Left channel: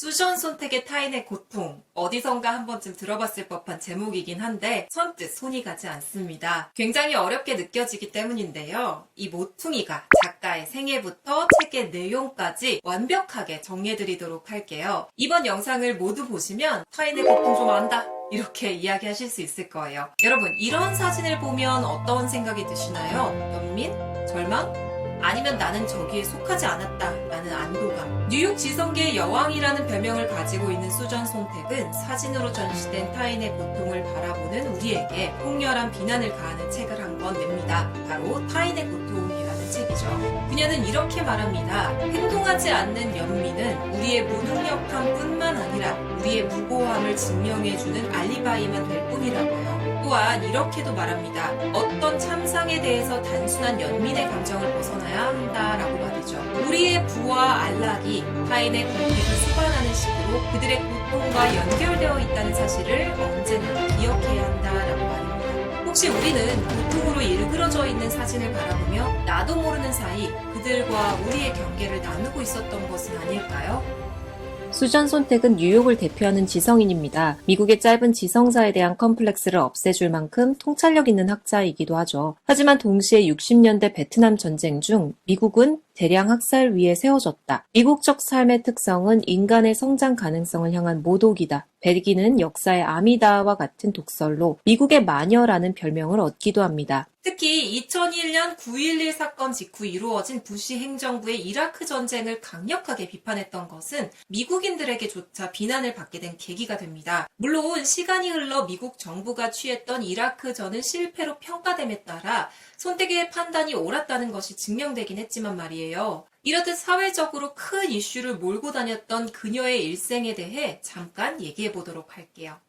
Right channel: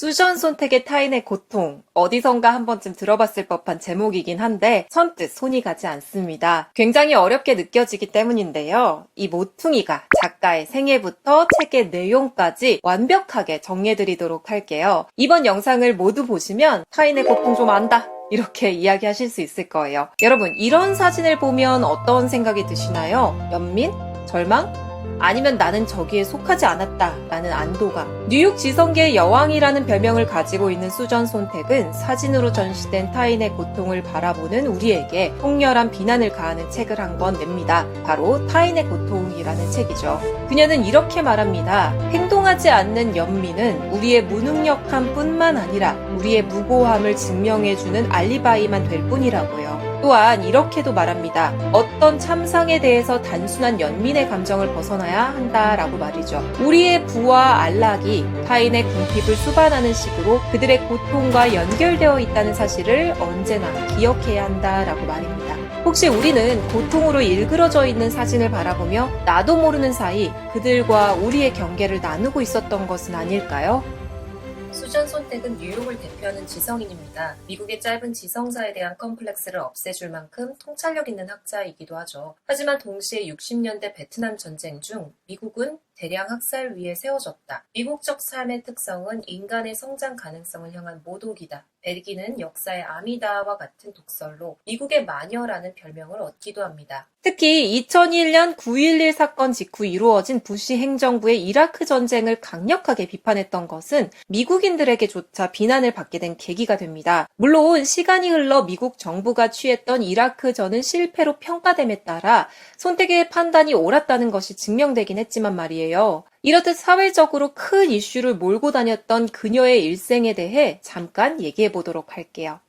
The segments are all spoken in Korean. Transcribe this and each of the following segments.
수전 손택의 타인의 고통, 어디선가 한 번쯤 들어봤을 법한 제목이긴 한데 선뜻 손이 가지 않습니다. 굉장히 어렵게 느껴지기 때문인데요. 이 모퉁이가 작가의 생애부터 책의 내용까지 완벽하게 정리해드리도록 할게요. 이번 영상을 모두 보시면 타인의 고통 좀 안다, 이렇게 이야기하실 수 있을 거예요. 여러분, 이런 사진을 보면 어떤 생각이 드시나요? 연민? 절망? 아니면 나는 저기에 속하지 않았다 라는 안도감. 뉴욕 지성계의 여왕이라는 별명을 가지고 있는 수전 손택은 사진으로 전시된 타인의 고통을 바라보는 우리에게 통렬한 비난을 가하는 책을 한 권 냅니다. 바로 타인의 고통이라는 책이죠. 그녀는 이렇게 말합니다. 행동하지 않는 연민은 우리의 무능력함 뿐만 아니라 우리의 무고함을 증명해주는 알리바이만 될 뿐이라고요. 또한 이렇게도 말합니다. 어떤 참상에 대해서 단순한 연민의 감정을 벗어나야 한다라고 말이죠. 우리의 부와 안락이 타인의 궁핍을 수반하는 식으로 그들의 고통과 연결되어 있다는 사실을 언제나 기억해야 한다라고 말입니다. 혹시 우리는 고통으로 일그러져 있는 사진을 바라보며 나도 모르는 사이 그들과 우리의 경계를 나누고 있었던 것은 아닐까요? 수전 손택은 뉴욕을 대표하는 지성인입니다. 미국의 짧은 지성사에 대한 컴플렉스를 없애줄 만큼 통찰력 있는 학자이기도 하죠. 하지만 동시에 60년대 베트남 전쟁 중 미국은 대량 학살 위에 세워졌다. 미국적 삶의 특성은 인간의 성장 가능성을 향한 모독이다. 백인은 역사의 아미다와 같은 독설로 미국의 마녀라는 별명을 얻기도 합니다. 특히 2001년 9.11 사건 직후 이루어진 부시 행정부의 이라크 전쟁을 강력하게 비판했던 것은 미국인들에게조차 비난을 받게 된 계기가 됩니다. 물론 시간이 흘러 미국 정부가 취했던 이라크전은 실패로 평가됨에 따라 손택의 판단이 옳았다는 것이 증명되긴 했지만 말이에요. 이렇듯 사회적으로 큰 이슈를 몰고 다녔던 그녀의 일생에 대해 잠깐 얘기해 보도록 할게요.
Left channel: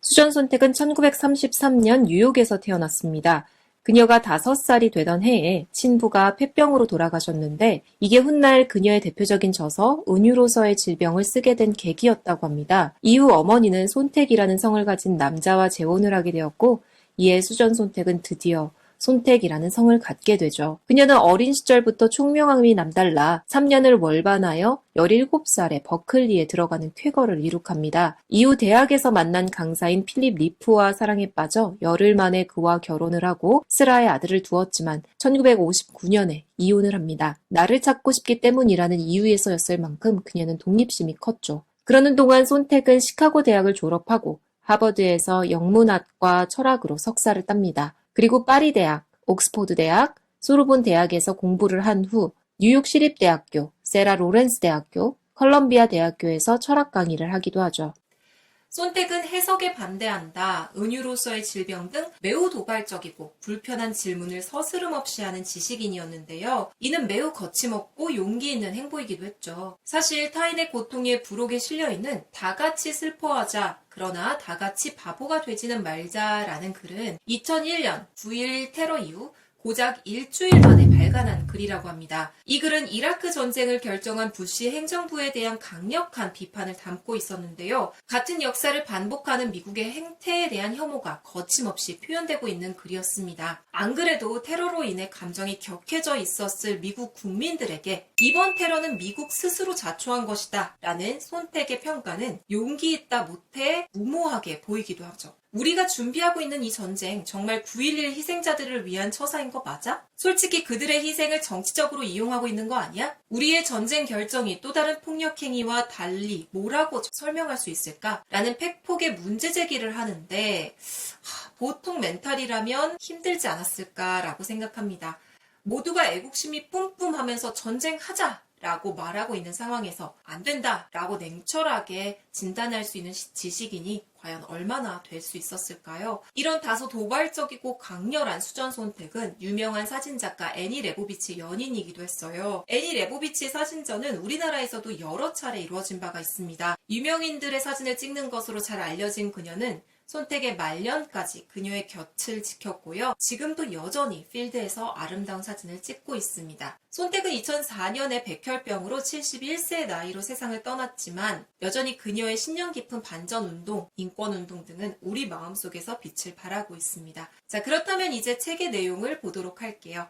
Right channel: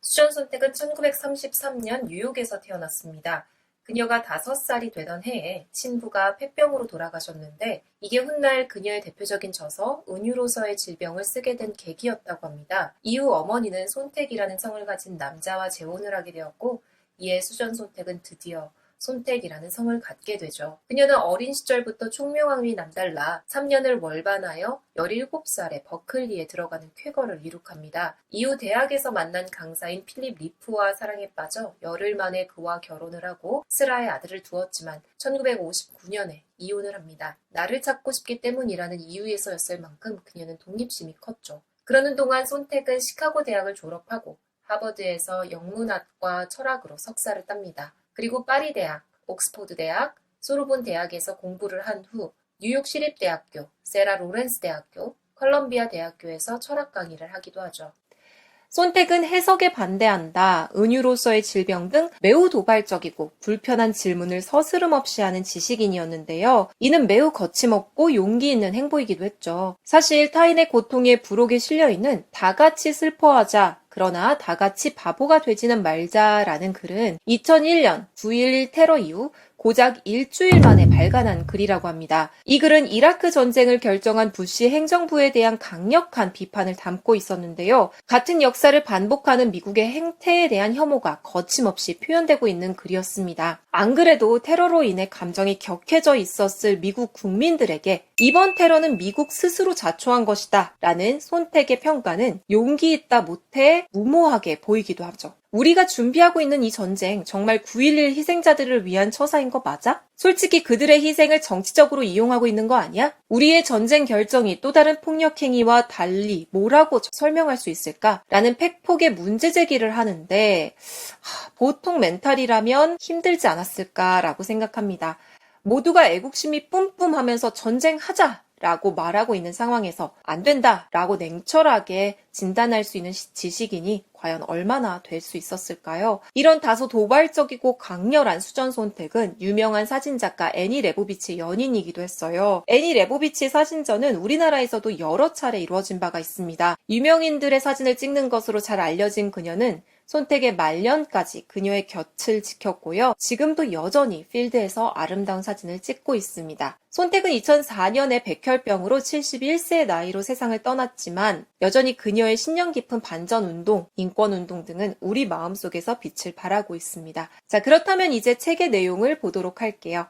수전 손택은 1933년 뉴욕에서 태어났습니다. 그녀가 5살이 되던 해에 친부가 폐병으로 돌아가셨는데 이게 훗날 그녀의 대표적인 저서 은유로서의 질병을 쓰게 된 계기였다고 합니다. 이후 어머니는 손택이라는 성을 가진 남자와 재혼을 하게 되었고 이에 수전 손택은 드디어 손택이라는 성을 갖게 되죠. 그녀는 어린 시절부터 총명함이 남달라 3년을 월반하여 17살에 버클리에 들어가는 쾌거를 이룩합니다. 이후 대학에서 만난 강사인 필립 리프와 사랑에 빠져 열흘 만에 그와 결혼을 하고 슬하의 아들을 두었지만 1959년에 이혼을 합니다. 나를 찾고 싶기 때문이라는 이유에서였을 만큼 그녀는 독립심이 컸죠. 그러는 동안 손택은 시카고 대학을 졸업하고 하버드에서 영문학과 철학으로 석사를 땁니다. 그리고 파리 대학, 옥스포드 대학, 소르본 대학에서 공부를 한 후 뉴욕 시립대학교, 세라 로렌스 대학교, 컬럼비아 대학교에서 철학 강의를 하기도 하죠. 손택은 해석에 반대한다, 은유로서의 질병 등 매우 도발적이고 불편한 질문을 서스름 없이 하는 지식인이었는데요. 이는 매우 거침없고 용기 있는 행보이기도 했죠. 사실 타인의 고통의 부록에 실려있는 다 같이 슬퍼하자, 그러나 다 같이 바보가 되지는 말자라는 글은 2001년 9.11 테러 이후 고작 일주일 만에 발간한 글이라고 합니다. 이 글은 이라크 전쟁을 결정한 부시 행정부에 대한 강력한 비판을 담고 있었는데요. 같은 역사를 반복하는 미국의 행태에 대한 혐오가 거침없이 표현되고 있는 글이었습니다. 안 그래도 테러로 인해 감정이 격해져 있었을 미국 국민들에게 이번 테러는 미국 스스로 자초한 것이다 라는 손택의 평가는 용기 있다 못해 무모하게 보이기도 하죠. 우리가 준비하고 있는 이 전쟁 정말 9.11 희생자들을 위한 처사인 거 맞아? 솔직히 그들의 희생을 정치적으로 이용하고 있는 거 아니야? 우리의 전쟁 결정이 또 다른 폭력 행위와 달리 뭐라고 설명할 수 있을까? 라는 팩폭의 문제 제기를 하는데 보통 멘탈이라면 힘들지 않았을까라고 생각합니다. 모두가 애국심이 뿜뿜하면서 전쟁하자! 라고 말하고 있는 상황에서 안 된다 라고 냉철하게 진단할 수 있는 지식인이 과연 얼마나 될 수 있었을까요? 이런 다소 도발적이고 강렬한 수전 손택은 유명한 사진작가 애니 레보비치의 연인이기도 했어요. 애니 레보비치의 사진전은 우리나라에서도 여러 차례 이루어진 바가 있습니다. 유명인들의 사진을 찍는 것으로 잘 알려진 그녀는 손택의 말년까지 그녀의 곁을 지켰고요. 지금도 여전히 필드에서 아름다운 사진을 찍고 있습니다. 손택은 2004년에 백혈병으로 71세의 나이로 세상을 떠났지만 여전히 그녀의 신념 깊은 반전운동, 인권운동 등은 우리 마음속에서 빛을 발하고 있습니다. 자, 그렇다면 이제 책의 내용을 보도록 할게요.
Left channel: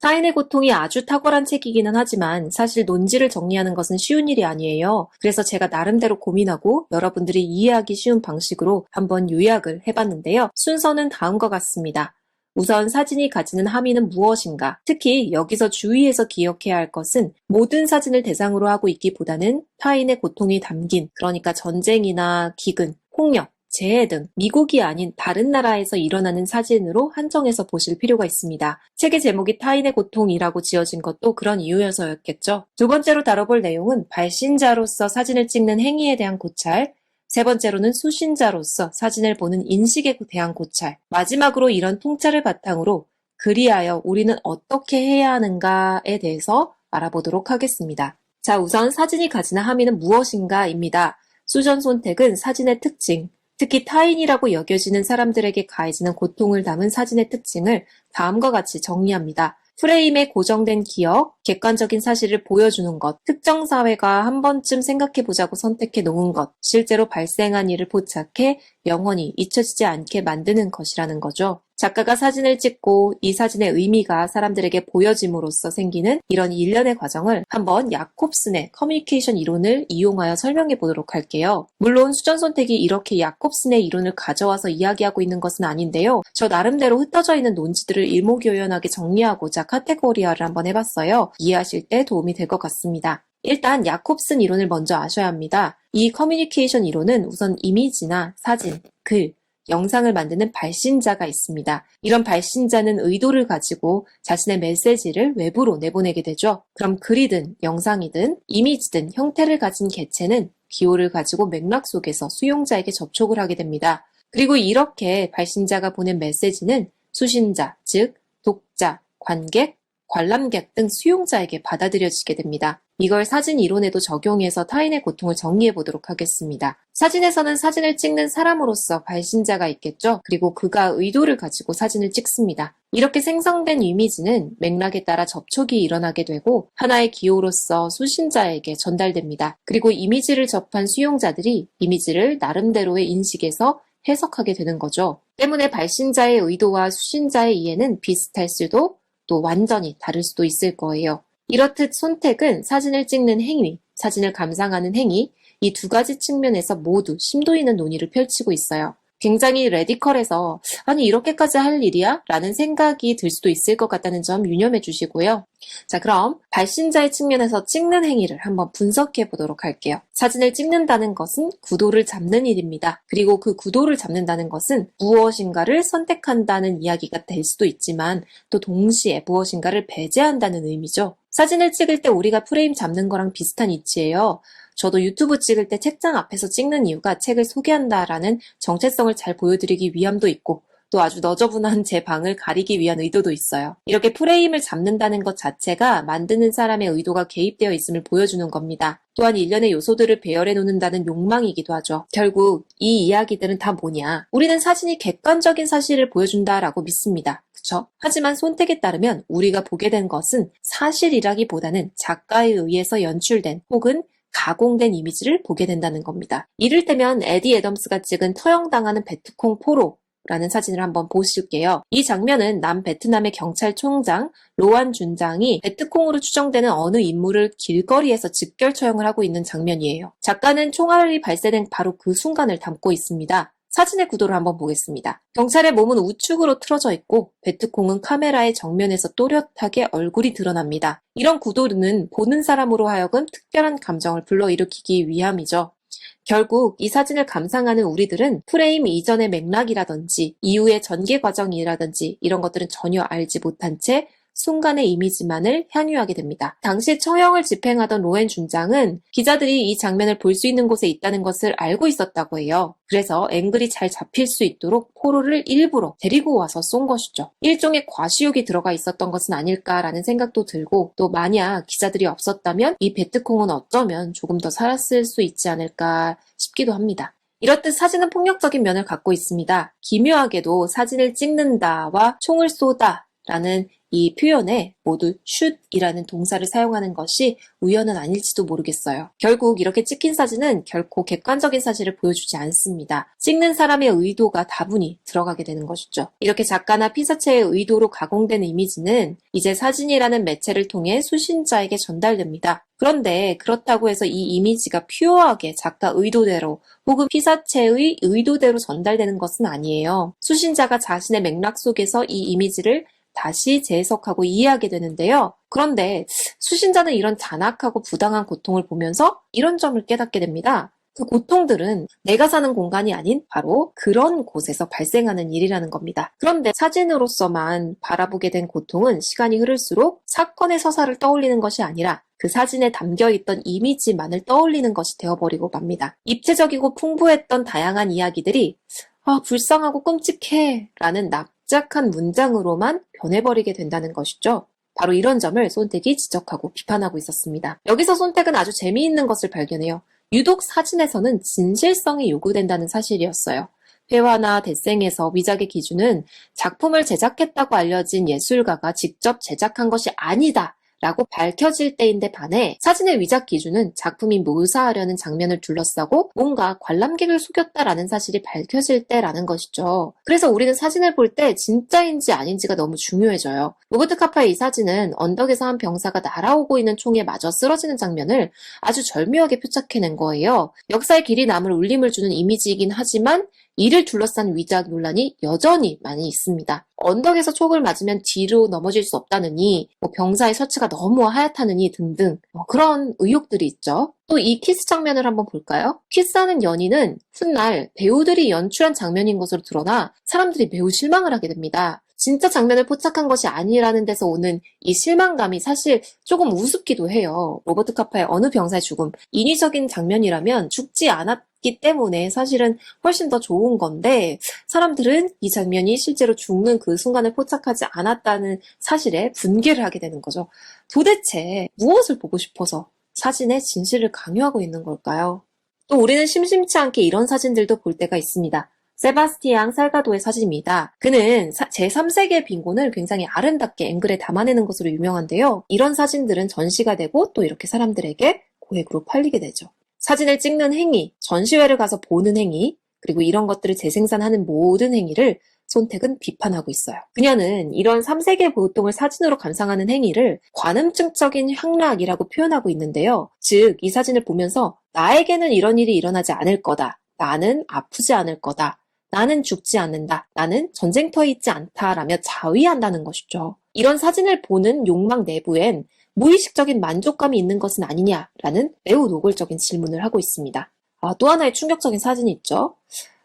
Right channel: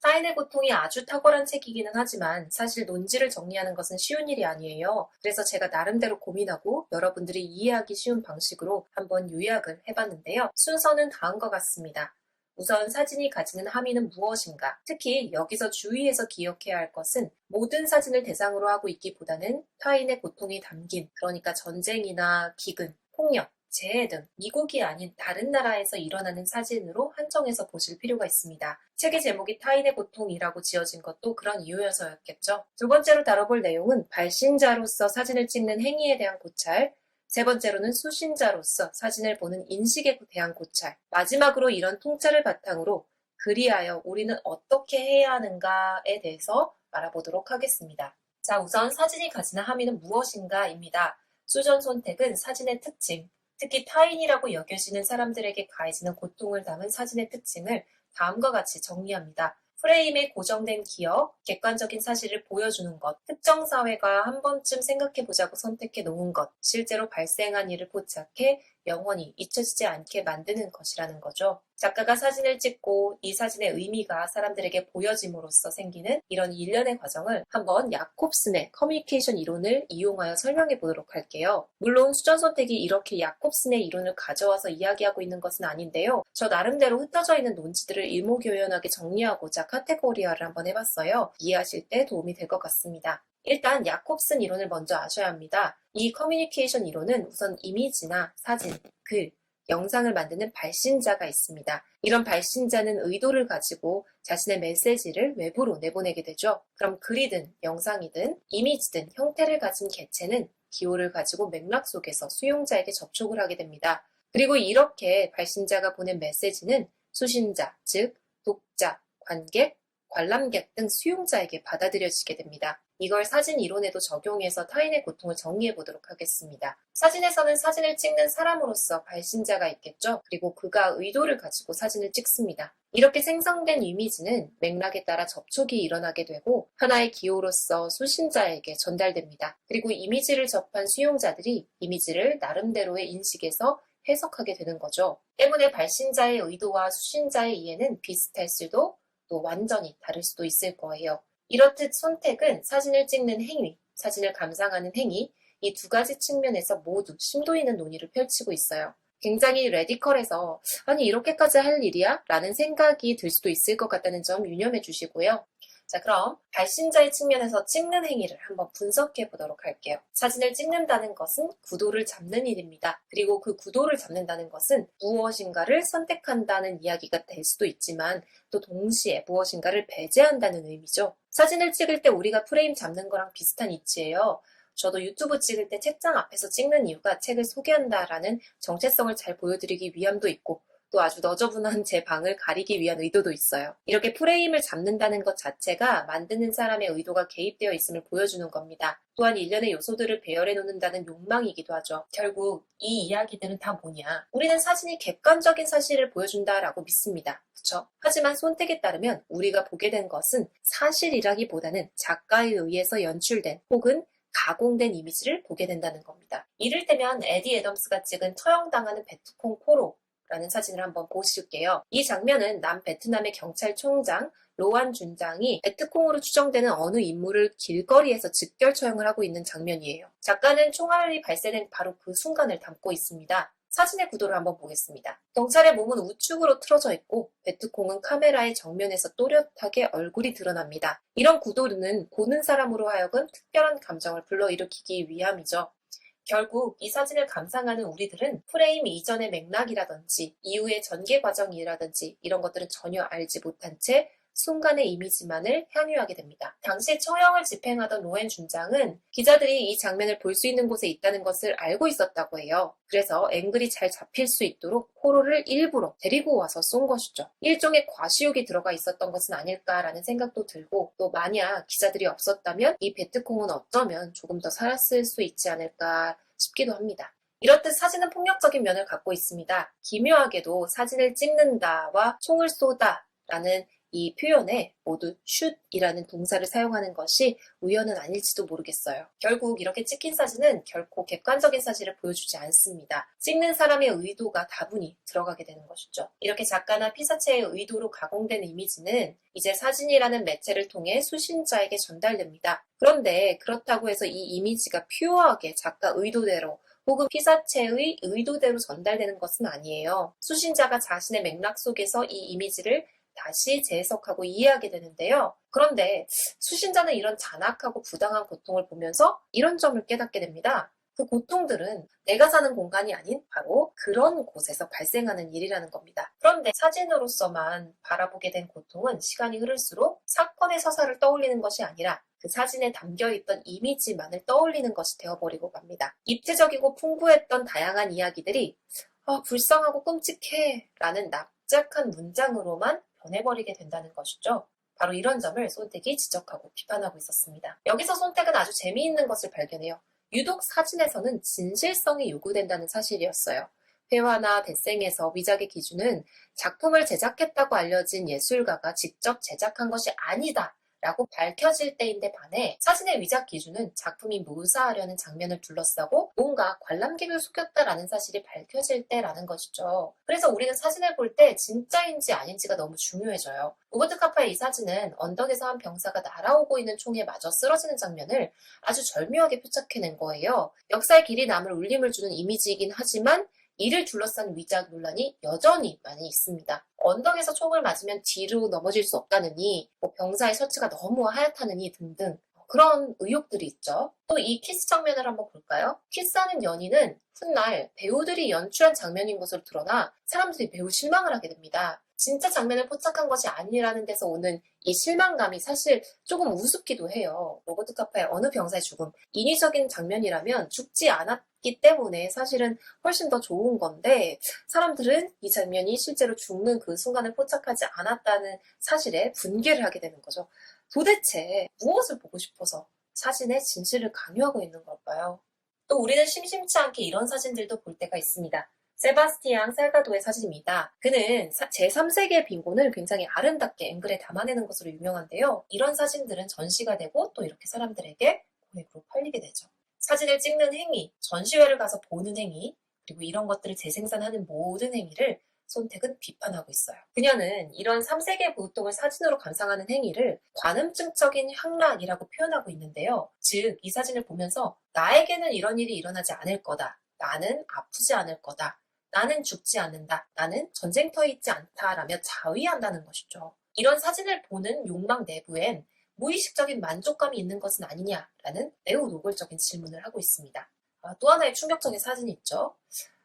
타인의 고통이 아주 탁월한 책이기는 하지만 사실 논지를 정리하는 것은 쉬운 일이 아니에요. 그래서 제가 나름대로 고민하고 여러분들이 이해하기 쉬운 방식으로 한번 요약을 해봤는데요. 순서는 다음과 같습니다. 우선 사진이 가지는 함의는 무엇인가? 특히 여기서 주의해서 기억해야 할 것은 모든 사진을 대상으로 하고 있기보다는 타인의 고통이 담긴, 그러니까 전쟁이나 기근, 폭력, 재해 등 미국이 아닌 다른 나라에서 일어나는 사진으로 한정해서 보실 필요가 있습니다. 책의 제목이 타인의 고통이라고 지어진 것도 그런 이유여서였겠죠. 두 번째로 다뤄볼 내용은 발신자로서 사진을 찍는 행위에 대한 고찰, 세 번째로는 수신자로서 사진을 보는 인식에 대한 고찰, 마지막으로 이런 통찰을 바탕으로 그리하여 우리는 어떻게 해야 하는가에 대해서 알아보도록 하겠습니다. 자, 우선 사진이 가지는 함의는 무엇인가입니다. 수전 손택은 사진의 특징, 특히 타인이라고 여겨지는 사람들에게 가해지는 고통을 담은 사진의 특징을 다음과 같이 정리합니다. 프레임에 고정된 기억, 객관적인 사실을 보여주는 것, 특정 사회가 한 번쯤 생각해보자고 선택해 놓은 것, 실제로 발생한 일을 포착해 영원히 잊혀지지 않게 만드는 것이라는 거죠. 작가가 사진을 찍고 이 사진의 의미가 사람들에게 보여짐으로써 생기는 이런 일련의 과정을 한번 야콥슨의 커뮤니케이션 이론을 이용하여 설명해 보도록 할게요. 물론 수전 선택이 이렇게 야콥슨의 이론을 가져와서 이야기하고 있는 것은 아닌데요. 저 나름대로 흩어져 있는 논지들을 일목요연하게 정리하고자 카테고리화를 한번 해봤어요. 이해하실 때 도움이 될 것 같습니다. 일단 야콥슨 이론을 먼저 아셔야 합니다. 이 커뮤니케이션 이론은 우선 이미지나 사진, 글, 영상을 만드는 발신자가 있습니다. 이런 발신자는 의도를 가지고 자신의 메시지를 외부로 내보내게 되죠. 그럼 글이든 영상이든 이미지든 형태를 가진 개체는 기호를 가지고 맥락 속에서 수용자에게 접촉을 하게 됩니다. 그리고 이렇게 발신자가 보낸 메시지는 수신자, 즉 독자, 관객, 관람객 등 수용자에게 받아들여지게 됩니다. 이걸 사진 이론에도 적용해서 타인의 고통을 정리해 보도록 하겠습니다. 사진에서는 사진을 찍는 사람으로서 발신자가 있겠죠. 그리고 그가 의도를 가지고 사진을 찍습니다. 이렇게 생성된 이미지는 맥락에 따라 접촉이 일어나게 되고 하나의 기호로서 수신자에게 전달됩니다. 그리고 이미지를 접한 수용자들이 이미지를 나름대로의 인식에서 해석하게 되는 거죠. 때문에 발신자의 의도와 수신자의 이해는 비슷할 수도 또 완전히 다를 수도 있을 거예요. 이렇듯 손택은 사진을 찍는 행위, 사진을 감상하는 행위, 이 두 가지 측면에서 모두 심도 있는 논의를 펼치고 있어요. 굉장히 레디컬해서 아니 이렇게까지 할 일이야? 라는 생각이 들 수도 있을 것 같다는 점 유념해 주시고요. 자, 그럼 발신자의 측면에서 찍는 행위를 한번 분석해 보도록 할게요. 사진을 찍는다는 것은 구도를 잡는 일입니다. 그리고 그 구도를 잡는다는 것은 무엇인가를 선택한다는 이야기가 될 수도 있지만 또 동시에 무엇인가를 배제한다는 의미죠. 사진을 찍을 때 우리가 프레임 잡는 거랑 비슷한 이치예요. 저도 유튜브 찍을 때 책장 앞에서 찍는 이유가 책을 소개한다라는 정체성을 잘 보여드리기 위함도 있고 또 아주 너저분한 제 방을 가리기 위한 의도도 있어요. 이렇게 프레임을 잡는다는 것 자체가 만드는 사람의 의도가 개입되어 있음을 보여주는 겁니다. 또한 일련의 요소들을 배열해 놓는다는 욕망이기도 하죠. 결국 이 이야기들은 다 뭐냐? 우리는 사진이 객관적인 사실을 보여준다라고 믿습니다. 그쵸? 하지만 손택에 따르면 우리가 보게 된 것은 사실이라기보다는 작가에 의해서 연출된 혹은 가공된 이미지를 보게 된다는 겁니다. 이를테면 에디 애덤스가 찍은 처형당하는 베트콩 포로라는 사진을 한번 보실게요. 이 장면은 남베트남의 경찰총장 로안 준장이 베트콩으로 추정되는 어느 인물을 길거리에서 즉결 처형을 하고 있는 장면이에요. 작가는 총알이 발사된 바로 그 순간을 담고 있습니다. 사진의 구도를 한번 보겠습니다. 경찰의 몸은 우측으로 틀어져 있고 베트콩은 카메라의 정면에서 또렷하게 얼굴이 드러납니다. 이런 구도는 보는 사람으로 하여금 특별한 감정을 불러일으키기 위함이죠. 결국 이 사진을 감상하는 우리들은 프레임 이전의 맥락이라든지 이후의 전개 과정이라든지 이런 것들은 전혀 알지 못한 채 순간의 이미지만을 향유하게 됩니다. 당시 처형을 집행하던 로엔 준장은 기자들이 이 장면을 볼 수 있는 곳에 있다는 것을 알고 있었다고 해요. 그래서 앵글이 잘 잡힐 수 있도록 포로를 일부러 데리고 와서 쏜 것이죠. 일종의 과시욕이 들어가 있었던 것은 아닐까라는 생각도 들고 또 만약 기자들이 없었다면 이 베트콩은 어쩌면 조금 더 살았을 수 있지 않을까 싶기도 합니다. 이렇듯 사진은 폭력적인 면을 갖고 있습니다. 기묘하게도 사진을 찍는다와 총을 쏘다 라는 이 표현에 모두 should이라는 동사를 사용하는 것이 우연은 아닐지도 모르겠어요. 결국 이렇게 찍힌 사진은 결코 객관적인 사실을 보여주지 않습니다. 찍는 사람의 의도가 다분히 들어가게 되는 것이죠. 이렇게 작가나 피사체의 의도로 가공된 이미지는 이제 사진이라는 매체를 통해 수신자에게 전달됩니다. 그런데 그렇다고 해서 이 이미지가 퓨어하게 작가 의도대로 혹은 피사체의 의도대로 전달되는 것은 아니에요. 수신자가 자신의 맥락 속에서 이 이미지를 다시 재해석하고 이해하게 되는데요. 그런데 수신자는 이런 잔악하고 부당한 고통을 보면서 이런 점을 깨닫게 됩니다. 그 고통들은 내가 사는 공간이 아닌 바로 그런 곳에서 발생하는 일이라는 겁니다. 그런데 사진으로서만 바라보게 된 고통은 시간이 흐를수록 사건의 서사를 떠올리는 것이 아니라 그 사진에 담겨있던 이미지만을 떠올리는 것이 되어버리고 맙니다. 입체적이고 풍부했던 다양한 이야기들이 불쌍하고 끔찍해 라는 납작한 문장으로만 변해버리게 된다는 것이죠. 바로 이런 점을 손택이 지적하고 비판하고 있었습니다. 여기서 손택은 아주 재미있는 것을 발견해요. 유독 사진에서는 진실성이 요구된다는 사실이었어요. 회화나 데생에서 위작의 기준은 작품을 제작했다고 알려진 예술가가 직접 제작한 것이 아니다 라고 밝혀질 때인데 반해 사진의 위작 기준은 작품이 묘사하려는 장면을 둘러싸고 뭔가 관람객을 속였다라는 사실이 밝혀질 때라는 것이죠. 그래서 우리는 사진을 볼 때 진짜인지 아닌지가 너무 중요해져요. 로버트 카파의 이 사진은 언덕에서 한 병사가 날아오고 있는 총에 맞아 쓰러지는 장면을 아주 절묘하게 포착해낸 거예요. 역사의 길이 남을 울림을 주는 이미지이긴 하지만 이를 둘러싼 위작 논란이 여전히 많이 있습니다. 언덕에서 촉을 맞으면 뒤로 넘어질 수 없다느니, 병사의 셔츠가 너무 하얗다느니 등등 그런 의혹들이 있죠. 또 이 키스 장면을 한번 볼까요? 키스하는 연인은 훗날 배우들이 연출한 장면인 것으로 드러나 사람들이 매우 실망을 하게 됩니다. 진짜 장면을 포착한 것이 아니라는 데서 오는 이 실망감이 사실 조금 우습기도 해요. 로버트 카파의 어느 병사의 죽음, 인위적인 장면이라면 죽지 않았기 때문에 사실은 훨씬 더 좋은 건데 사람들은 이 장면이 실제로 죽는 그 순간을 포착하지 않았다는 사실에 분개를 하게 되는 거죠. 도대체 무엇을 보고 싶어서 사진의 진실을 강요하고 있는 걸까요? 또 우리는 심심치 않게 이런 사진들도 볼 때가 있습니다. 세바스티앙 살가도의 사진입니다. 그는 제3세계 빈곤을 굉장히 아름답게 앵글에 담아내는 것으로 유명한데요. 이런 사진들은 전시가 되고 또 이렇게 사람들에게 고액으로 팔리게 되죠. 사진을 찍는 행위, 전시회를 가서 보는 행위, 그리고 이런 것들을 재생산하는 모든 행위를 손택은 비판하고 있어요. 그녀는 이런 3세계 보통을 사진으로 감상하는 행위를 관음증적인 향락이라고 표현하고 있는데요. 즉, 이 사진을 보면서 나에게는 이런 일이 일어나지 않을 거다. 나는 아프지 않을 거다. 나는 죽지 않는다. 나는 전쟁터에 있지 않다라며 자위한다는 것이죠. 이런 사진을 보는 욕망 내부엔 무의식적인 만족감이 있는 것은 아니냐라는 매우 노골적인 질문을 하고 있습니다. 또 하나의 충격적인 사진이 있죠.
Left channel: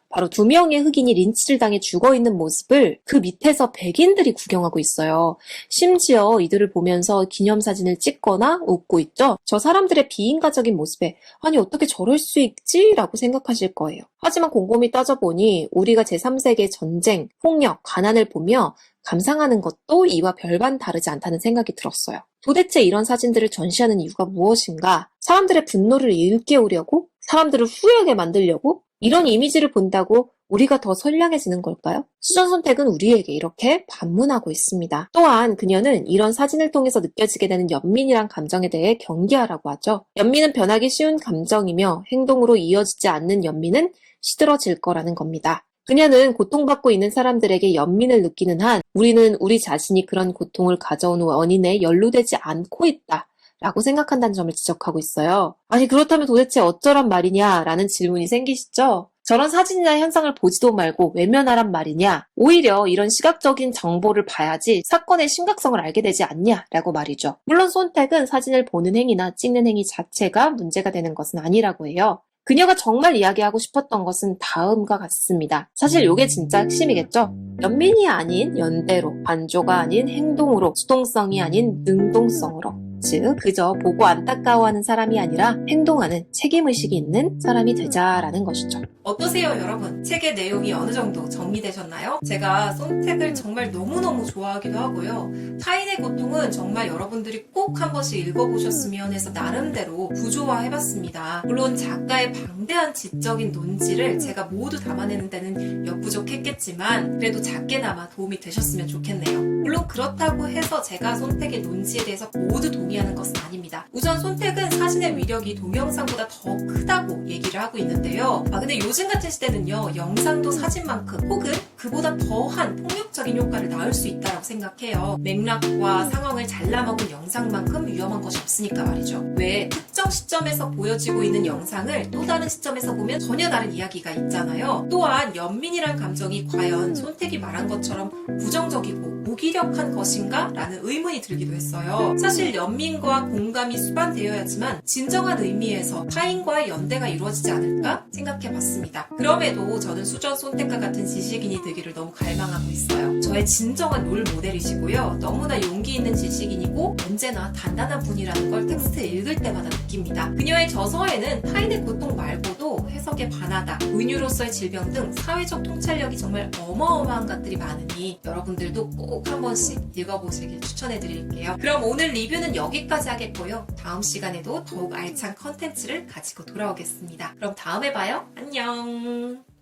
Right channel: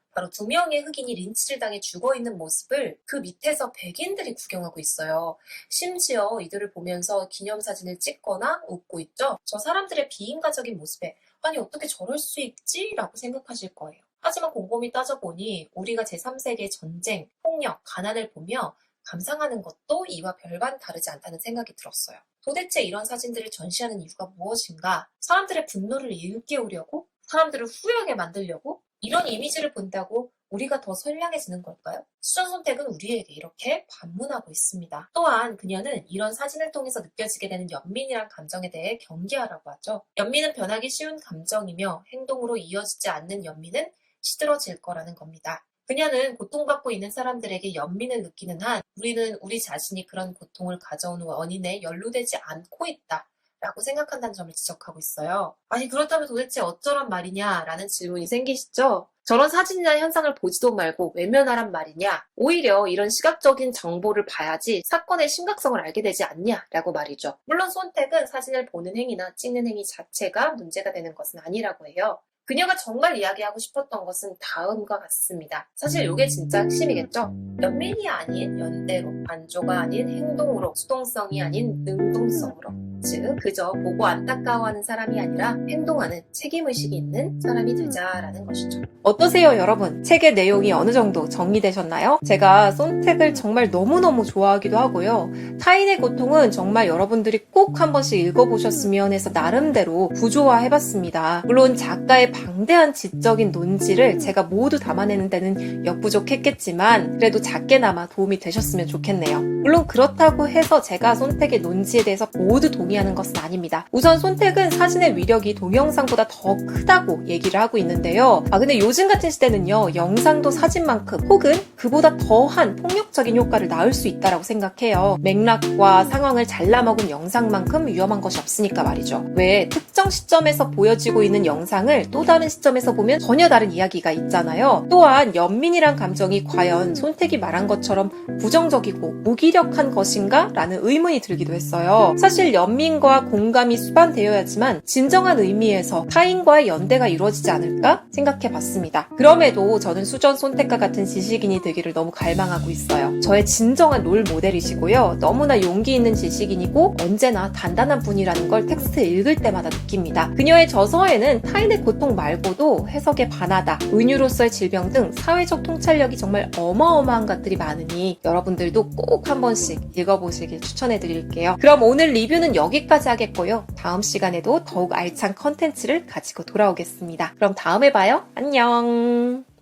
바로 2명의 흑인이 린치를 당해 죽어있는 모습을 그 밑에서 백인들이 구경하고 있어요. 심지어 이들을 보면서 기념사진을 찍거나 웃고 있죠. 저 사람들의 비인간적인 모습에 아니 어떻게 저럴 수 있지? 라고 생각하실 거예요. 하지만 곰곰이 따져보니 우리가 제3세계 전쟁, 폭력, 가난을 보며 감상하는 것도 이와 별반 다르지 않다는 생각이 들었어요. 도대체 이런 사진들을 전시하는 이유가 무엇인가? 사람들의 분노를 일깨우려고? 사람들을 후회하게 만들려고? 이런 이미지를 본다고 우리가 더 선량해지는 걸까요? 수전 선택은 우리에게 이렇게 반문하고 있습니다. 또한 그녀는 이런 사진을 통해서 느껴지게 되는 연민이란 감정에 대해 경계하라고 하죠. 연민은 변하기 쉬운 감정이며 행동으로 이어지지 않는 연민은 시들어질 거라는 겁니다. 그녀는 고통받고 있는 사람들에게 연민을 느끼는 한 우리는 우리 자신이 그런 고통을 가져온 원인에 연루되지 않고 있다. 라고 생각한다는 점을 지적하고 있어요. 아니 그렇다면 도대체 어쩌란 말이냐라는 질문이 생기시죠? 저런 사진이나 현상을 보지도 말고 외면하란 말이냐? 오히려 이런 시각적인 정보를 봐야지 사건의 심각성을 알게 되지 않냐라고 말이죠. 물론 손택은 사진을 보는 행위나 찍는 행위 자체가 문제가 되는 것은 아니라고 해요. 그녀가 정말 이야기하고 싶었던 것은 다음과 같습니다. 사실 이게 진짜 핵심이겠죠? 연민이 아닌 연대로, 반조가 아닌 행동으로, 수동성이 아닌 능동성으로 즉 그저 보고 안타까워하는 사람이 아니라 행동하는 책임의식이 있는 사람이 되자라는 것이죠. 어떠세요, 여러분? 책의 내용이 어느 정도 정리되셨나요? 제가 손택을 정말 너무너무 좋아하기도 하고요. 타인의 고통은 정말 여러분들이 꼭 한 번씩 읽어보셨으면 해서 나름대로 구조화해봤습니다. 물론 작가의 방대한 지적인 논지를 제가 모두 담아내는 데는 역부족했겠지만 그래도 작게나마 도움이 되셨으면 좋겠네요. 물론 그렇다고 해서 제가 손택의 논지에 대해서 모두 동의하는 것은 아닙니다. 우선 손택은 사진의 위력이 동영상보다 더 크다고 얘기를 하고 있는데요. 근데 요즘 같은 시대는요, 영상도 사진만큼 혹은 그보다 더한 폭력적인 효과를 낳을 수 있다고 생각해요. 맥락과 상황을 잘라먹은 영상만큼 위험한 것이 없으니까 말이죠. 왜 특정 시점에서 보여지고 있는 영상을 또 다른 시점에서 보면 전혀 다른 이야기가 있잖아요. 또한 연민이란 감정이 과연 손택이 말한 것처럼 부정적이고 무기력한 것인가? 라는 의문이 들기도 했어요. 사실 연민과 공감이 수반되어야지만 진정한 의미에서 타인과의 연대가 이루어지지 않을까 생각해봤습니다. 그럼에도 저는 수전 손택과 같은 지식인이 되기를 너무 갈망하고 있어요. 저의 진정한 롤 모델이시고요. 너무나 용기 있는 지식인이고 언제나 단단한 분이라는 걸 텍스트 읽을 때마다 느낍니다. 그녀의 저서에는 타인의 고통 말고도 해석에 반하다, 은유로서의 질병 등 사회적 통찰력이 정말 어마어마한 것들이 많으니 여러분들도 꼭 한 번씩 읽어보시길 추천해드릴게요. 그럼 오늘 리뷰는 여기까지 하겠고요. 다음 시간에도 더욱 알찬 컨텐츠를 가지고 돌아오겠습니다. 그럼 다음에 봐요. 안녕.